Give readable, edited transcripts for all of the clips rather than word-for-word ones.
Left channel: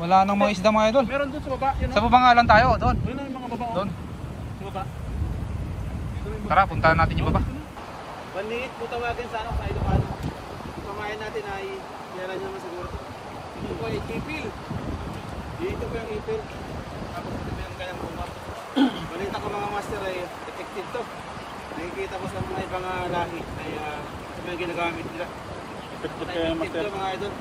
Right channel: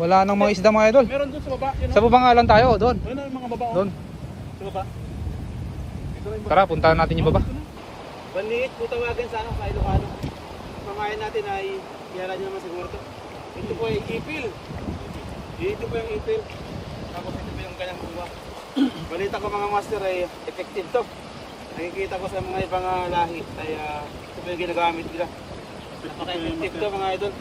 Wala nang mga isda mga idol. Meron doon sa baba. Yun, Sa baba nga lang tayo, doon. Ayun na yung mga baba. Doon. Sa baba. Tara, puntahan natin yung baba. Banliit po tawagin sa ano, sa Ilocano. Ang pamayan natin ay, kilala nyo naman siguro to. Ito po ay ipil. Dito po yung ipil. Tapos ito po yung kanyang bunga. Balita ko mga master ay effective to. Nakikita ko sa mga ibang lahi ay ito po yung ginagamit nila. Napaka-effective to mga idol.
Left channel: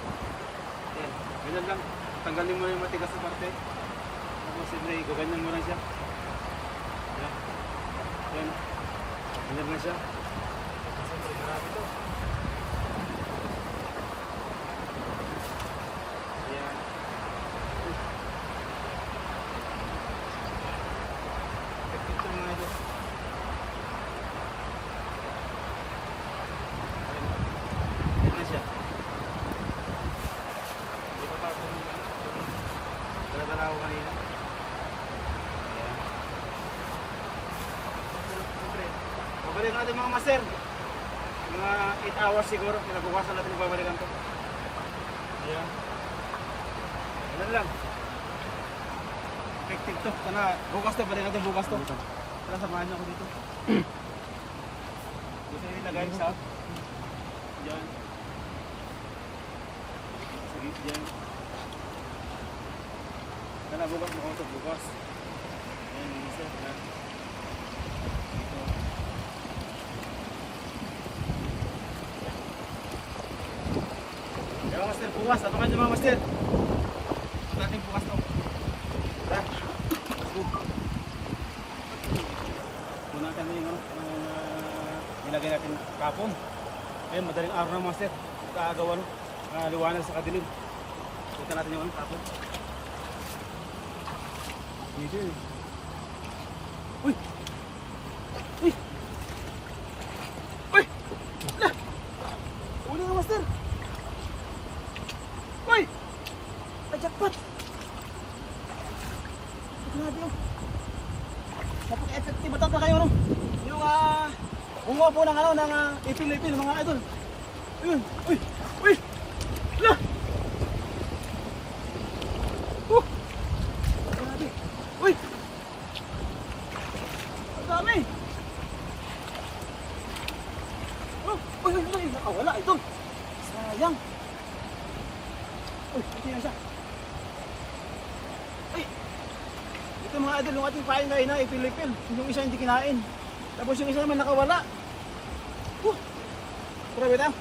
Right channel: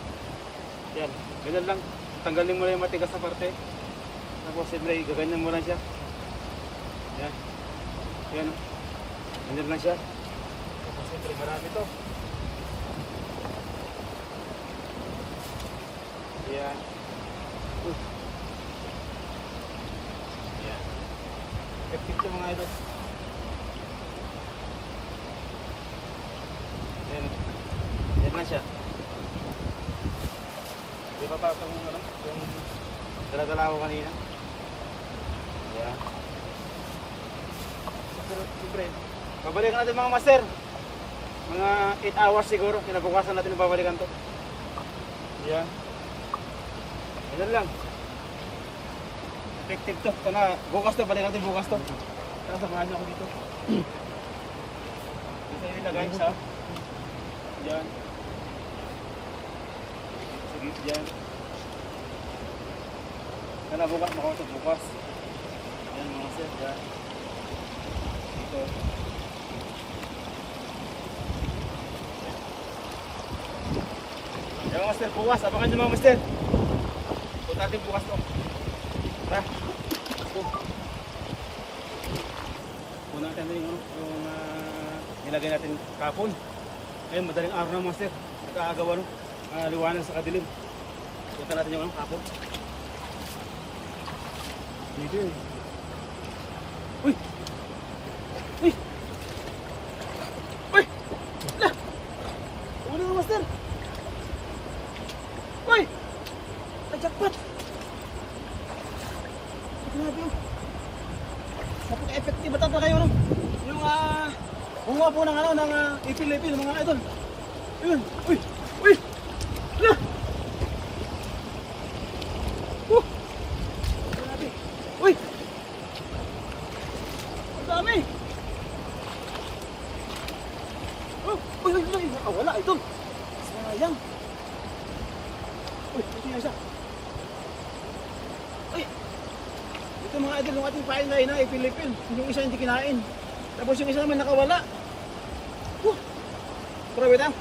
Yan, ganyan lang. Tanggalin mo lang yung matigas na parte. Tapos siyempre, gaganyan mo lang siya. Yan. Yan. Ganyan lang siya. Tapos siyempre, marami to. Yan. Yan. Effective to mga idol. Ayan o. Yan lang siya. Di ba pa kung ano? Yung dala-dala ko kanina. Ayan. Siyempre, babalikan natin mga master. Mga 8 hours siguro. Kinabukasan natin babalikan to. Ayan. Ayan lang. Effective to. Sana bukas to. Balikan natin bukas to. Sana samahan niyo ako dito. Dito yung ilagay sa diyan. Sige, diyan. Sana bukas makausap bukas. Ayan mga sir. Ayan. Dito. Ayan mga master. Bukas. Abangan nyo mga master. Punta natin bukas to. Tara. Muna natin yung nilagay natin kapon. Ayun, madaling araw na master. Nag-aagawa no. Liwanag sa kadilim. Punta natin yung kapon. Dito eh. Uy! Uy! Uy! Lah! Uli nga master! Uy! Jackpot! Grabe yun. Napaka-effective ata kayo no? Yung bunga po ng ano, ng ipil-ipil mga idol. Ayun! Uy! Uy! Lah! Grabe! Uy! Ang dami! Oh! Uy! Uy! Uy! Nakawala idol! Sayang! Uy! Ito na siya! Uy! Ito mga idol, yung ating pain na ipil-ipil. Yung isa hindi kinain. Tapos yung isa naman nakawala. Grabe tayo.